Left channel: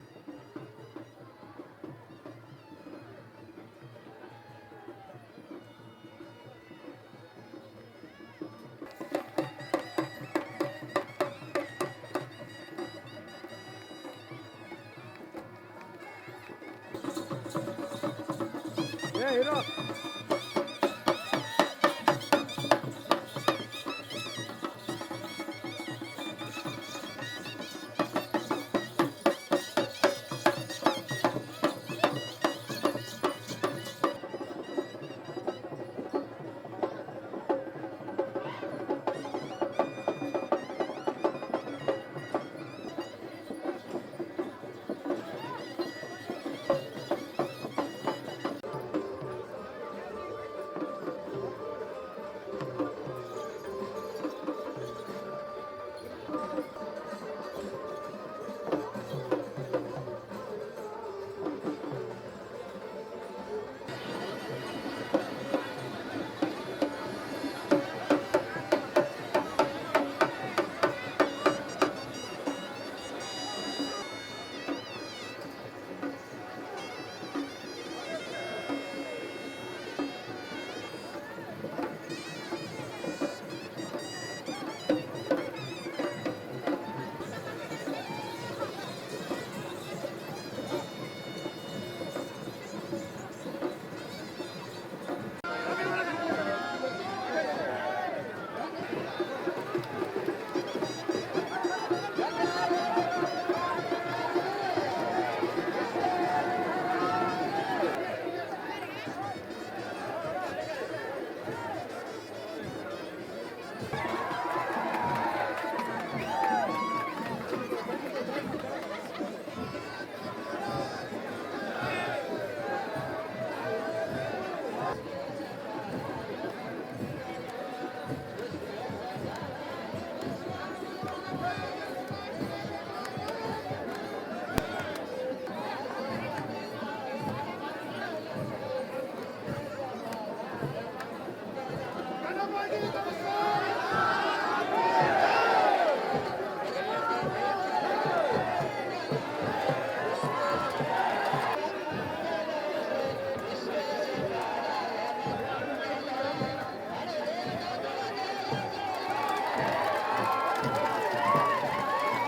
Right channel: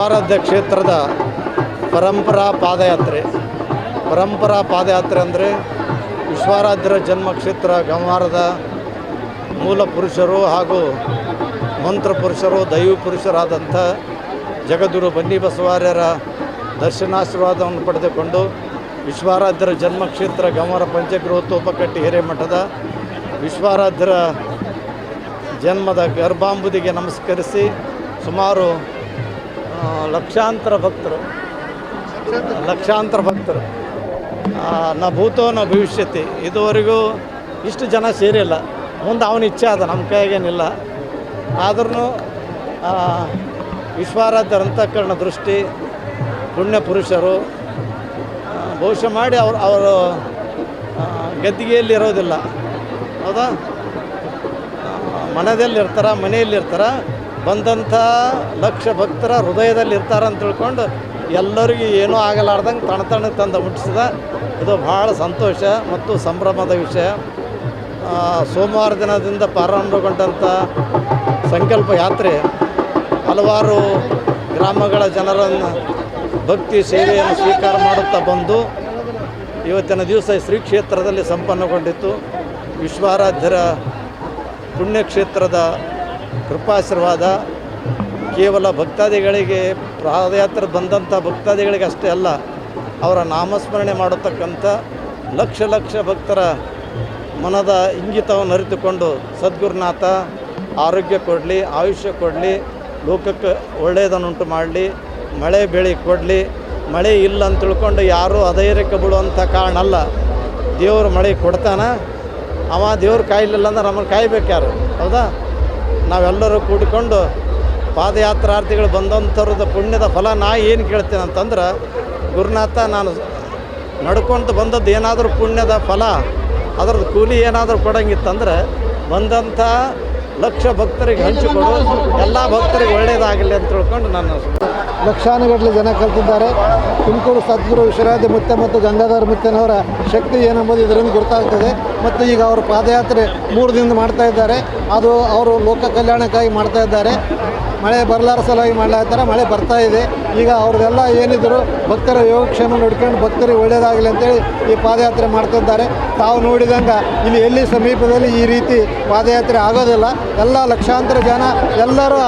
ವಿಶ್ವಾರಾಧ್ಯ ಕ್ಷೇತ್ರದ ಪರಂಪರಾ ಪಾದಯಾತ್ರೆ ಅಂದರೆ ವಿಶ್ವಾರಾಧ್ಯರ ಜನ್ಮಕ್ಷೇತ್ರ ಗಂವಾರದ ಮೂಲ ಪುರುಷರು ಹಾಗೂ ಮಂತ್ರ ಪುರುಷರು ದೈವ ಪುರುಷರಾದಂಥ ಜಗದ್ಗುರು ಬನ್ನಿಬಸವಾರ್ಯರ ದರ್ಶನಾಶೀರ್ವಾದವನ್ನು ಪಡೆದುಕೊಂಡು ವಿಶ್ವಾರಾಧ್ಯರ ಜನ್ಮಕ್ಷೇತ್ರ ಗಂವಾರ ಪಂಚಗೃಹೋಪಕಟ್ಟಿ ಹಿರೇಮಠದ ವಿಶ್ವಾರಾಧ್ಯರ ಜನ್ಮದ ಗರ್ಭಾಂಬುದಿಗೆ ನಮಸ್ಕರಿಸಿ ಸುಮಾರು ಲಕ್ಷಾಂತರ ಭಕ್ತರು ನ ಭೂತೋ ನ ಭವಿಷ್ಯತಿ ಇದುವರೆಗೂ ಇಷ್ಟು ಜನ ಸೇರಿಲ್ಲ. ಮುಂದೆ ಅವನ ಇಚ್ಛೆ ಅದ, ನಮ್ಮ ಕೈಗೇನಿಲ್ಲ. ಆದ್ರೂ ವಿಶ್ವಾರಾಧ್ಯರ ಅಂತಃಕರಣ ದೃಷ್ಟಿ ಪುಣ್ಯ ಪುರುಷರು ಬಹುಶಃ ಮಾಡಿ ಅವರು ಗದ್ದಿಗೆಯಲ್ಲಿ ಇರೋದಿಲ್ಲ, ಹೌದಾ, ಮನೆಯಲ್ಲಿರ್ತಾರೆ. ಬಂದಂಥ ಲಕ್ಷ ಭಕ್ತರ ಹೃದಯದಲ್ಲಿ ಇರ್ತಾರೆ ಅಂತ ತಿಳ್ಕೊಂಡು ಎಲ್ಲರಿಗೂ ಏನೂ ಆಗಲಾರ್ದಂಗೆ ತಣ್ಣಗೆ ತಂದು ಮುಟ್ಟಿಸಿದ. ಇದು ಭಾಳ ಸಂತೋಷ ಮತ್ತು ಸಂಭ್ರಮದ ವಿಷಯ. ಸೋಮವಾರ ದಿನದಿಂದ ಪ್ರಾರಂಭಗೊಂಡಂಥ ಸಂಕಲ್ಪ ಯಾತ್ರೆ ಹಲವಾರು ಗ್ರಾಮಗಳ ಜನರನ್ನು ಭಕ್ತಿ ಸೇವೆಯನ್ನು ಸ್ವೀಕಾರ ಮಾಡುತ್ತಾ ಬಂದು ಇವತ್ತಿನ ದಿವಸ ಶ್ರೀ ಕ್ಷೇತ್ರದಲ್ಲಿ ಸಂಪನ್ನಗೊಂಡಿತ್ತು. ವಿಶ್ವಾರಾಧ್ಯರ ಪುಣ್ಯಕ್ಷೇತ್ರದ ಕೃಪಾಶೀರ್ವಾದ ಕೇವಲ ಭಕ್ತಾದಿಗಳಿಗೆ, ಪಾದಯಾತ್ರೆ ಬಂದಂಥ ಭಕ್ತಾದಿಗಳಿಗೆ ಅಷ್ಟೇ ಅಲ್ಲ, ಅವರ ನಾಮಸ್ಮರಣೆ ಮಾಡತಕ್ಕಂಥ ಲಕ್ಷ ಭಕ್ತರ ಮನದ ಇಂಗಿತವನ್ನು ಅರಿತುಕೊಂಡು ಸದ್ಗುರುನಾಥ ಆರೋಗ್ಯ ಕೊಡಲಿ, ಆಯುಷ್ಯ ಕೊಡಲಿ, ಲೋಕಕ್ಕೆ ಒಳ್ಳೆಯದನ್ನುಂಟು ಮಾಡಲಿ, ಮಳೆ ಬೆಳೆ ಕೊಡಲಿ. ಮಳೆ ಇಲ್ಲ ಅಂತ ತಿಳ್ಕೊಂಡು ಯಾರೂ ಅಧೈರ್ಯಕ್ಕೆ ಬಿಡುವಂಥ ಕಾರಣ ಅಲ್ಲ. ದೇವರು ಮಳೆ ಕೊಡ್ತಾನೆ. ಅವ ದೇವ್ರು ಕಾಯಲಿಲ್ಲ ಅಂದ್ರೆ ನಮ್ಮನ್ನು ಕಾಯ್ಬೇಕು ಯಾರು, ಹೌದಾ? ನಾವೆಲ್ಲರೂ ಕೂಡಿಕೊಂಡು ಪಾದಯಾತ್ರಾರ್ಥಿಗಳು ಬಂದಂಥವ್ರದ ಪುಣ್ಯದ ಫಲ ಏನು ಕೇಳ್ತೇನೆ ಅಂತಂದ್ರೆ, ಗುರುನಾಥ ನಾನು ನಡ್ಕೊಂಡು ಬಂದದ್ದು ಏನಾದರೂ ಪುಣ್ಯದ ಫಲ, ಅದರದ್ದು ಕೂಲಿ ಏನಾದರೂ ಕೊಡೋಂಗಿತ್ತಂದ್ರೆ ಬಂದಂಥ ಲಕ್ಷ ಭಕ್ತರಿಗೆ ಹಂಚಿಕೊಡು, ಎಲ್ಲ ಭಕ್ತರಿಗೆ ಒಳ್ಳೆಯದಾಗಲಿ ಅಂತ ತಿಳ್ಕೊಂಡು ನಾನು ಲಕ್ಷಾನುಗಟ್ಟಲೆ ಜನ ಕಲ್ತಿದ್ದಾರೆ. ತುಮಕೂರು ಸದ್ಗುರು ವಿಶ್ವರಾಧ್ಯ ಮುತ್ಯ ಮತ್ತು ಗಂಗಾಧರ ಮುತ್ಯನವರ ಶಕ್ತಿ ಏನೆಂಬುದು ಇದರಿಂದ ಗೊತ್ತಾಗ್ತದೆ. ಮತ್ತು ಈಗ ಅವರು ಪಾದಯಾತ್ರೆ 3 ದಿನದಿಂದ ಮಾಡ್ತಾ ಇದ್ದಾರೆ. ಅದು ಅವರು ಲೋಕ ಕಲ್ಯಾಣಕ್ಕಾಗಿ ಮಾಡ್ತಾ ಇದ್ದಾರೆ. ಮಳೆ ಬರಲಾರ ಸಲುವಾಗಿ ಮಾಡ್ಲಾಗ್ತಾರೆ. ಮಳೆ ಬರ್ತಾ ಇದೆ. ಈಗ ಅವ್ರದ್ದೆಲ್ಲ ಏನಿದ್ರು ಭಕ್ತರ ಯೋಗಕ್ಷೇಮ ನೋಡ್ಕೊಂಡು ಭಕ್ತರಿಗೆ ಒಳ್ಳೆಯದಾಗಲಿ ಅಂತೇಳಿ ಈ ಪಾದಯಾತ್ರೆ ಮಾಡ್ತಿದ್ದಾರೆ. ತಾವು ನೋಡಿದಂಗೆ ಇಲ್ಲಿ ಎಲ್ಲಿ ಸಮೀಪದಲ್ಲಿ ಈ ರೀತಿ ಪಾದಯಾತ್ರೆ ಆಗೋದಿಲ್ಲ. ಎಲ್ಲ ಲಕ್ಷಾಂತರ ಜನ ಎಲ್ಲರೂ